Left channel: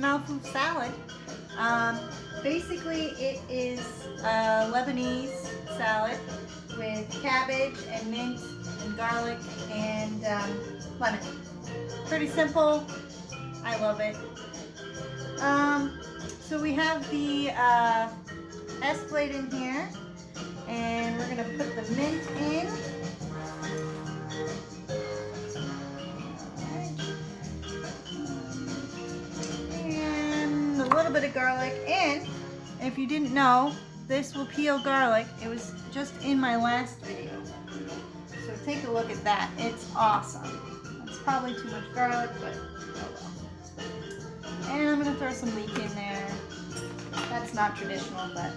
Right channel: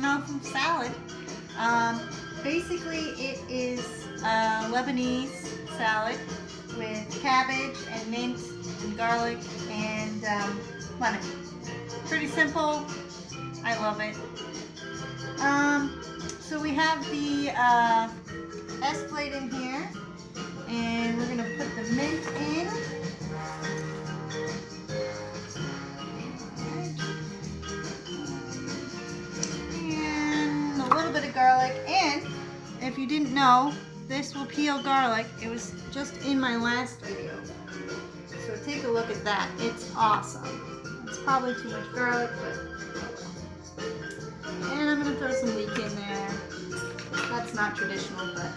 malfouf salad. Basically, it is a Lebanese salad with cabbage and mint and garlic and lemon. Pretty simple. I love it. So we have the S plate in here, and we're gonna put the mint in. And a little bit of garlic. And if you didn't know, this will peel garlic. It was just in my last video. So take a look at that. It's awesome. It's probably too much garlic, but oh well. And I'm gonna throw some leek in there. That's not traditional, but.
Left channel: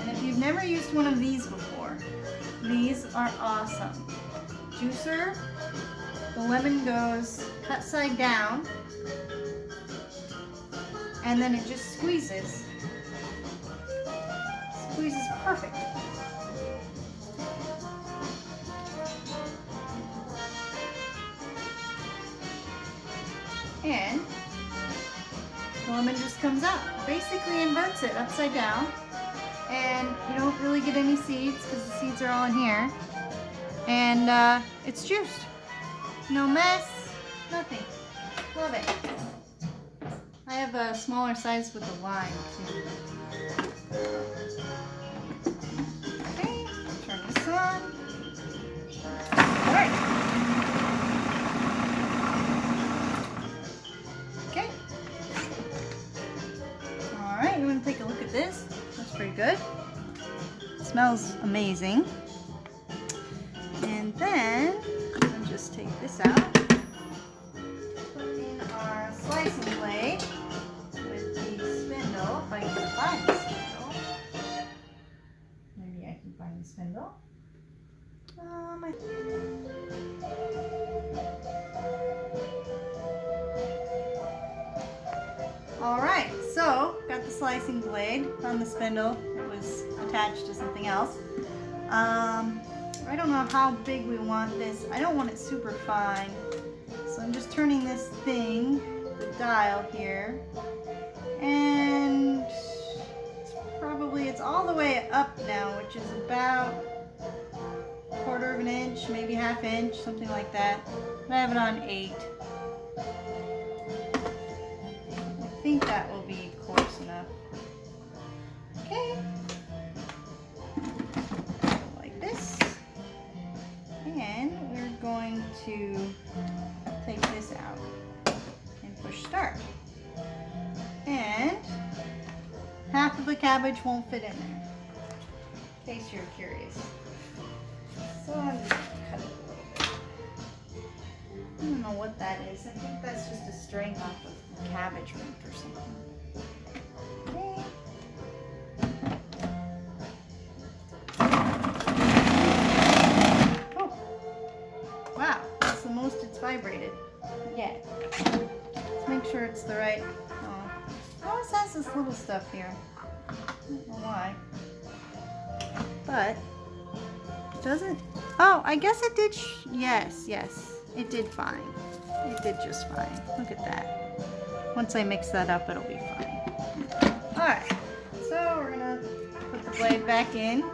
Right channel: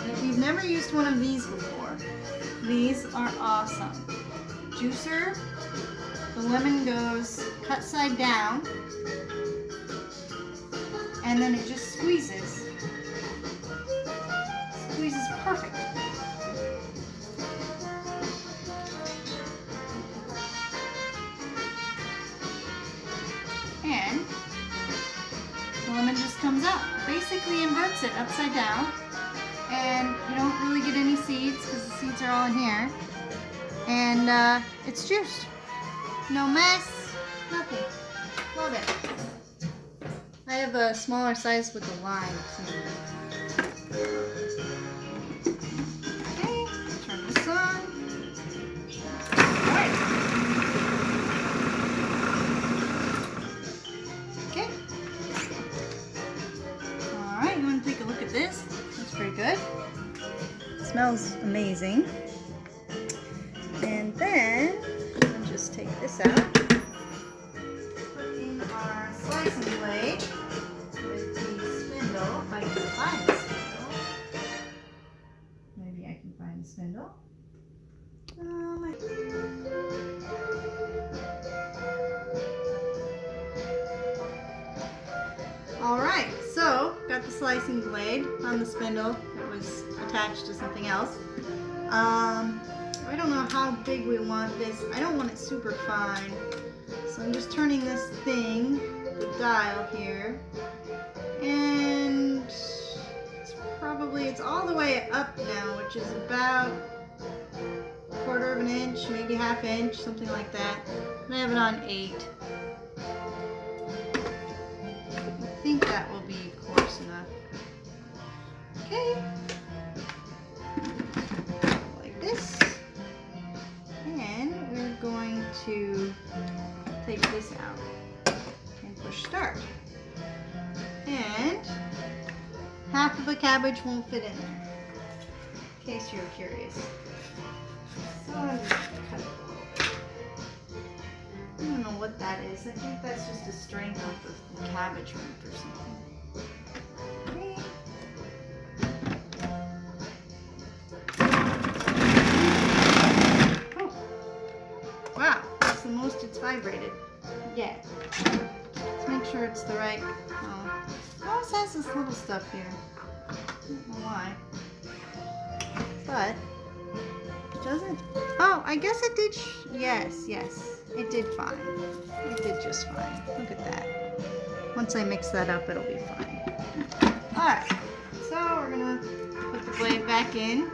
And if you've never used one of these before, these are awesome. Juicer, the lemon goes cut side down, and then it just squeezes. Squeezes perfect. And the lemon just comes out. Basically inverts it upside down, and you don't really get any seeds because the seeds are all in here. And it's juiced. No mess, nothing. Love it. I have a smaller size with the lime too. Okay, turn this on. Alright. Okay. Alright, you want to take a look at this? That's pretty good. It smells amazing. And then, I'll just take this out. Put in our slicing blade with the spindle, if I can find the spindle. Maybe I can find the spindle. Alright, so got the slicing blade on the spindle. It was attached to something else. I don't know how big we want this. I don't want it super fine. So I'm just turning this thing, the dial here, and it's all the way up now, which is about a quarter of an inch, maybe half inch, something like that. And I have it on 8. I think that will be coarse enough. Okay. Like this. And we're going to take this out and push start. And half of the cabbage won't fit in there, in case you're curious. So I'm just going to cut it a little bit. I don't know what that is. I think that's just a string off of the cabbage root or something. Okay. Wow, that's the most it's vibrated. Yeah. Let's make sure it's the right. Oh, it always has this little stuff here. I don't know why. But, does it? Oh, I guess it did. Yes. It did fine. It did just fine. Look at that. Once I mix that up, it'll be fine. Alright, so we're going to put the blade back in.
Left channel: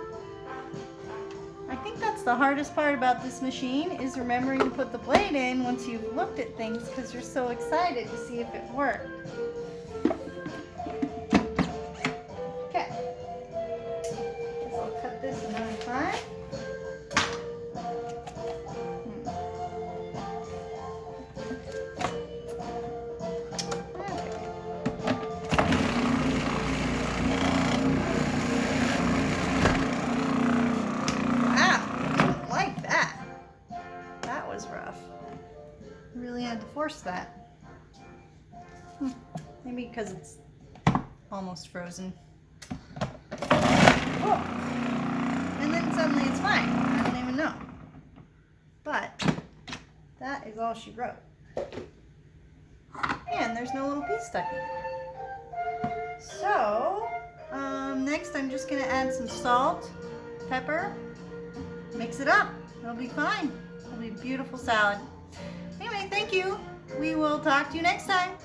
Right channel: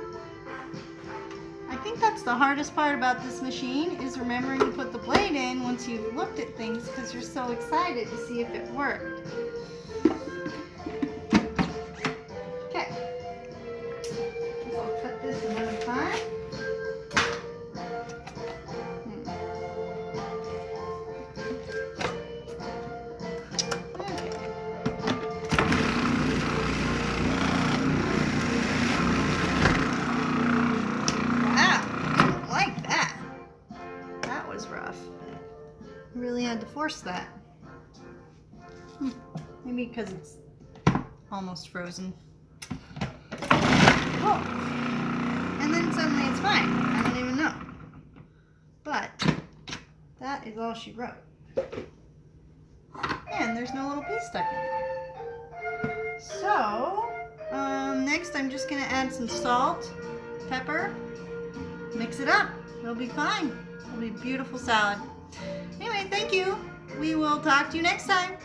I think that's the hardest part about this machine, is remembering to put the blade in once you've looked at things, because you're so excited to see if it worked. Okay. I'll cut this another time. Really had to force that. Maybe because it's almost frozen. Oh! And then suddenly it's fine. I don't even know. But that is all she wrote. And there's no little piece stuck in it. So, next I'm just going to add some salt, pepper, mix it up. It'll be fine. It'll be a beautiful salad. Anyway, thank you. We will talk to you next time.